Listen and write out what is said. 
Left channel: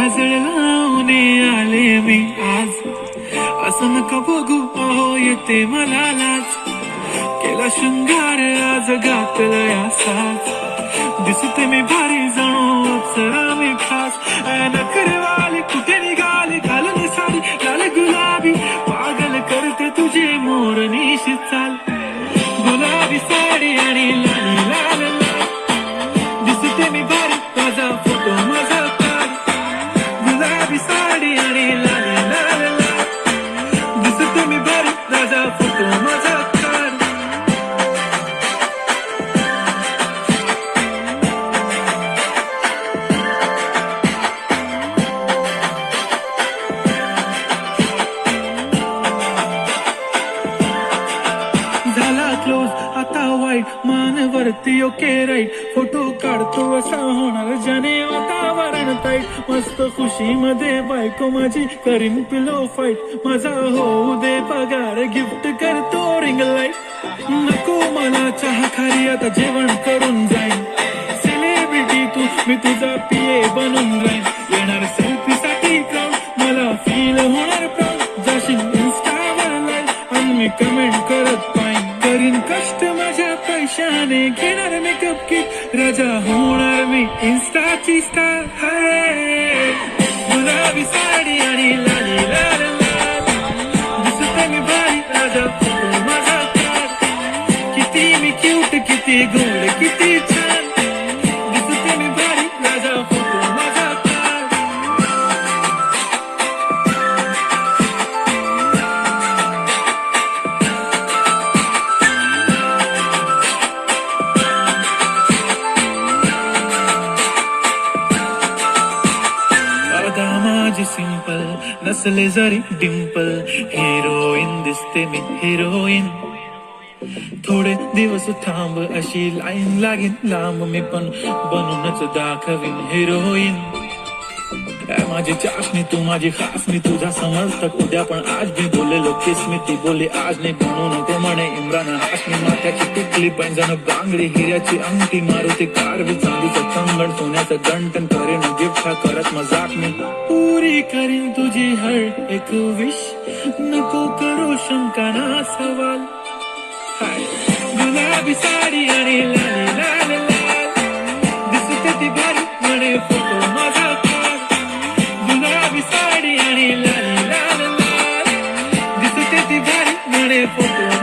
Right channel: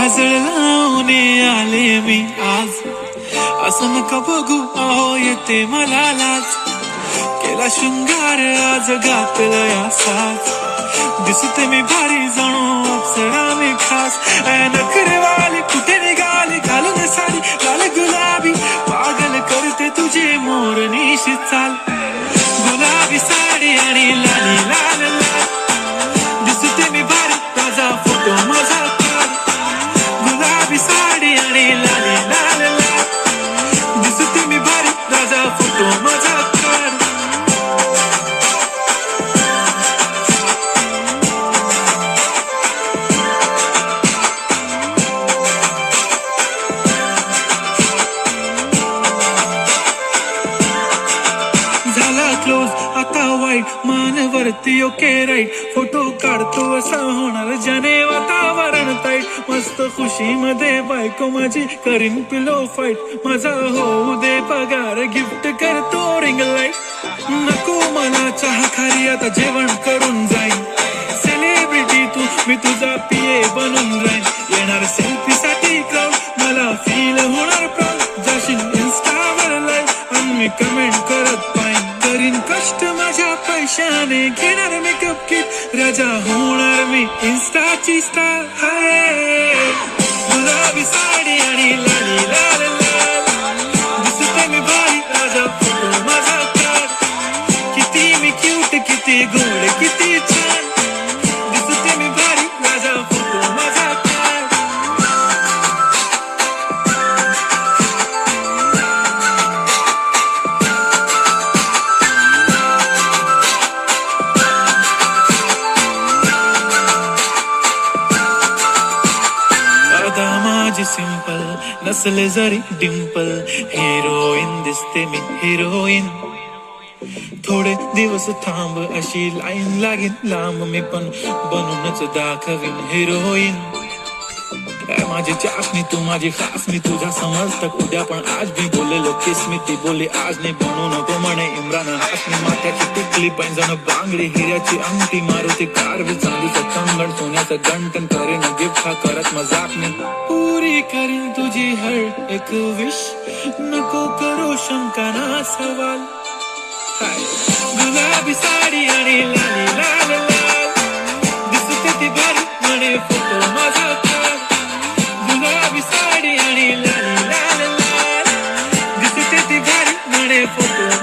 काजळ लावून आले मी आज, असं नका बघू अहो येते मला लाज. केला शृंगार आज घातलाय असाच, दिसते मी भारी जणू अप्सरा मी खास. नखरेवाली कुठे निघाली घालून साडी लाल गुलाबी, पागल करते तुझी मोरनीशी चाल. गुलाबी साडी आणि लाली लाल लाल, दिसते मी भारी ताजा फोटो माझा काढ. गुलाबी साडी आणि लाली लाल लाल, दिसते मी भारी ताजा फोटो माझा काढ. क्लोज आता वाईट मानवरती ओके राईट, फोटो काढतो असा होणार जने वातावरण ताईट. मस्त खुशी मध्ये बायको माझी करीन पिलो फाईट, माझा होऊ दे पगार गिफ्ट करतो रिंग लाईट. नको मला चहा खारी आता जेवण करून जाईन, सेलिब्रिटी तू मी तुझा पिये बनून राहीन. येणार सेल्फी साठी क्राऊड मला फील होणार प्राऊड, जाशील इन्स्टावर लाईव्ह आणि मी कमेंट करत पाहिन. करीन कष्ट माझ्या पैशाने घेणार मेकअप किट, राजा होणार मी इन्स्टाची स्टार. हाय गुलाबी साडी आणि लाली लाल लाल, दिसते मी भारी राजा फोटो माझा काढ. किती मी क्यूट किती गोड किती छान, दिसते मी भारी राजा फोटो माझा काढ. माझी सिंपल नसले जरी डिंपल, हिरोईन दिसते मी हिरोईन. थोडे दिवस थांब अशी लाईन लागेल लांब, मी पण बनूनच दाखवीन हिरोईन. माझी चाशनी तू माझी खास, मी तुझा समर्थक उद्या पण आज मी बोलेलो किस मी ती बोली आज नाही. बनू नको म्हणे इम्रान हाशमी, माथ्याची टिकली पैंजण बांगडी हिऱ्याची अंगठी, मारुती कार चांदीचं कंगण सोन्याचं गंटन, करेन गिफ्ट हा करत मजाक मी. पुरी करीन तुझी हर एक विश, नको करू शंका ना सवाल. गुलाबी साडी आणि लाली लाल लाल, दिसते ती भारी म्हणे फोटो माझा काढ. गुलाबी साडी आणि लाली लाल लाल, दिसते ती भारी म्हणे फोटो